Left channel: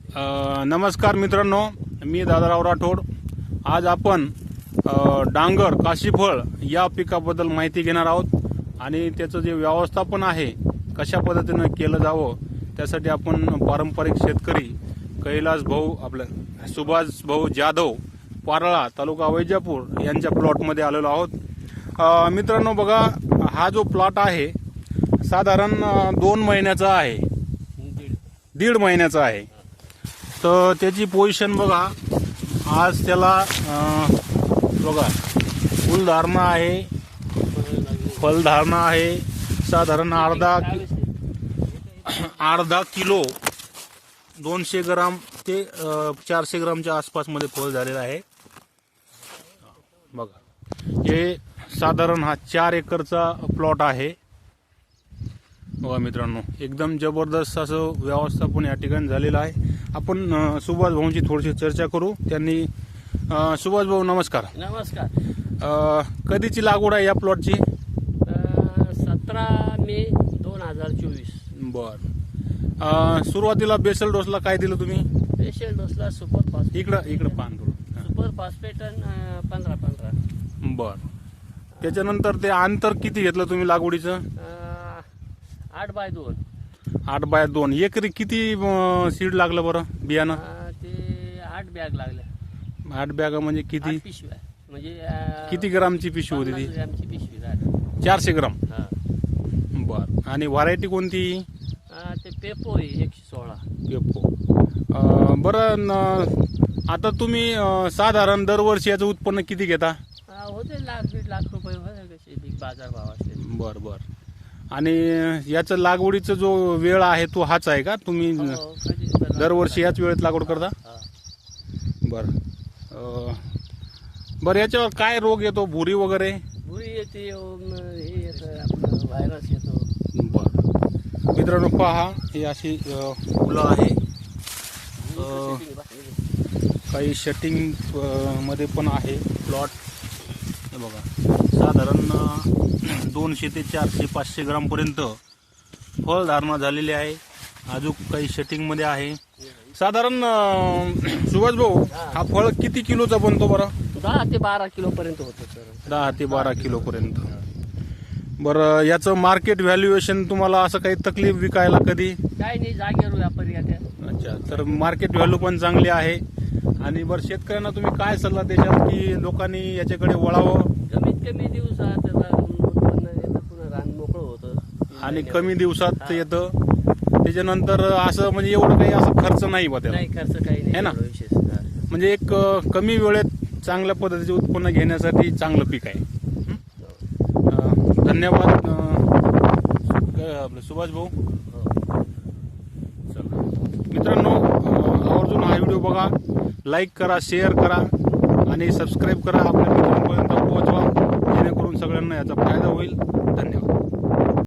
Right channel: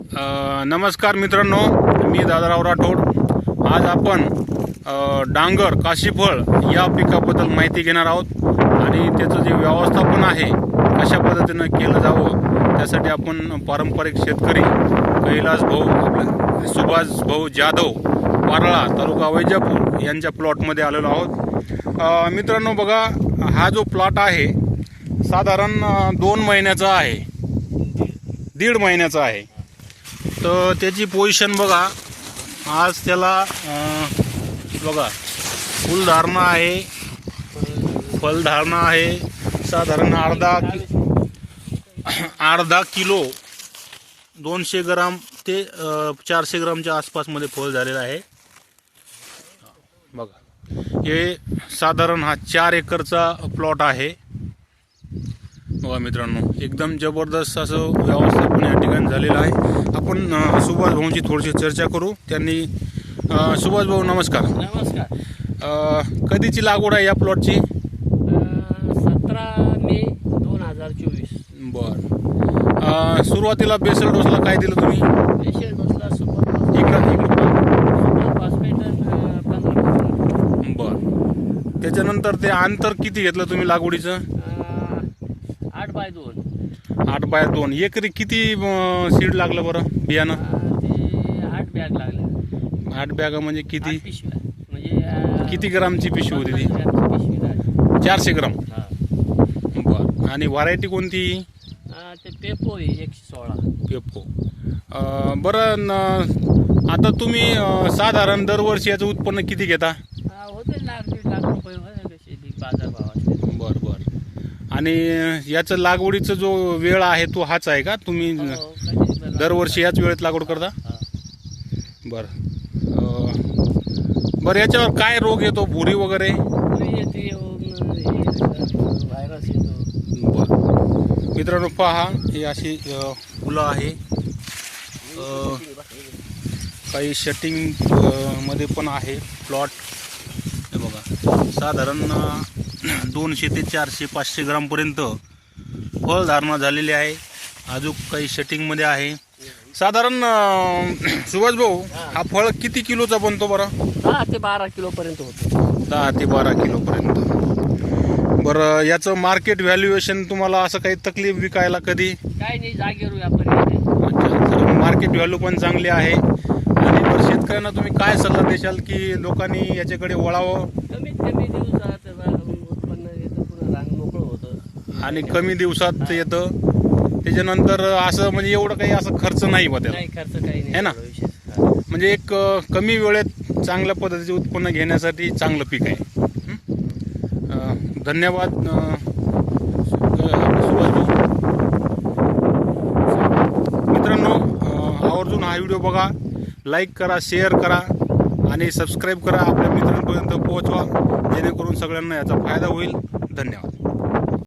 नमस्कार मित्रांनो मी दादाराव राठोड. आज आपण डांगर काशीफळ या पिकाबद्दल माहिती घेणार आहोत. आणि त्याचं जे व्यवस्थापन आहे कशा पद्धतीनं केलं जावं त्यासाठी आपण पारंपरिक शेतकरी कैलास भाऊ आपलं सुभाष भाऊ जाधव पारळा तालुका वैजापूर यांच्या प्लॉटमध्ये आलेलो आहोत. मित्रांनो बघा हा जो प्लॉट आहे साधारण दोन महिन्याचा आहे. दीड महिन्याचा आहे. तर त्याची पोझिशन बघा. आज त्याला बघा फुलधारणा आहे. फलधारणा आहे. साधारण अर्धा अर्धा किलो दोनशे ग्राम ते चारशे ग्रामच्या आसपासमध्ये फळ झालेलं आहे. बघा. हे साधारण हा चार एकरचा प्लॉट आहे. बघा मित्रांनो एकदम जबरदस्त असं व्यवस्थापन या ठिकाणी झालेलं आहे. आपण सुभाष भाऊंची थोडीशी चर्चा करू. त्यांनी सुभाष भाऊ नमस्कार. नमस्कार. अं, कधीची लागवड आहे या प्लॉटची सतरा मे दोन हजार चोवीस. बर. सुरुवातीला बेसल डोसला काय दिलं तुम्ही? पेशंट डोसला सुपर इकडं इकडं. सुपर फॉस्फेट पंधरा पंधरा. बर. त्याच्यानंतर ते अंतर किती घेतलं तुम्ही लागवडीचं? आठ बाय दोन. आठ बाय दोन. एकरी किती सीड लागलं बरं बियाणं? अं, ते आठ बॅग लागले. आठ बॅगा म्हणजे किती? आठ पिशव्या. म्हणजे अं, किती ग्रामची पिशवी होती ती? पन्नास ग्रॅमची पिशवी झाली. चारशे ग्राम. हा. बर. आणि व्हरायटी कोणती? अं, ते पेपो आहे एकशे सोळा. पेपो. अं, बरं न- आता तुम्ही अं, साधारण दरवर्षी याचं उत्पन्न किती घेता? होते लाख दीड लाख रुपये होते कसे बी बाजार भाव असते बर बर. आणि याचं लागवडीचा जो वेळ आहे तो हाच आहे का? तुम्ही हो, तर दरवर्षी याच वेळेत लागवड करता? हा. बर. बरं याच्यावर काय रोग येतो? भुरी वगैरे? येते हे व्हायरस येतो. बर. मित्रांनो पहा ही अशी फुलं आहे. काही शटिंगमध्ये पण आहे प्लॉट हे साधारण दोनशे ते चारशे पाचशे ग्रामपर्यंत फळधारणा झालेली आहे. अजून काही शटिंगमध्ये आहे. साधारण सुभाष भाऊ हा फळ किती किलोचा बनतो बरं? दहा ते बारा किलो पर्यंत होतो. दहा ते बारा किलोपर्यंत बरं याचं मार्केट व्हॅल्युएशन तुम्हाला असं काही तकलीफ विकायला कधी? काय नाही जागेवर व्यापारी अच्छा तर मार्केट व्हॅल्यू पण चांगली आहे. आणि बरं शेतकऱ्यांना तुम्ही काय सल्ला देशाल की लोकांनी याच्याकडे वळावं? कमीत कमी दिवसात उत्पन्न येतं पुन्हा रान मोकळं होतं. आणि कमी दिवसात येतं. त्याच्यानंतर असं म्हणजे एवढं काही असं खर्च नाही बा त्याला. नाही खर्च काही नाही है ना? एवढं विशेष हा. म्हणजे एक अ, कमी वेळेत चांगल्या पद्धतीचे उत्पन्न घेण्यासाठी चांगलं पीक आहे. हं? अ, धन्यवाद अ, सु- अ, सुभाष भाऊ. मित्रांनो अ, आवर्जून हा व्हिडिओ बघा. लाईक करा शेअर करा. आणि सबस्क्राईब करा आपल्या मित्रांपर्यंत पोहोचवा. जेणेकरून सगळ्यांना याचा फायदा होईल. धन्यवाद.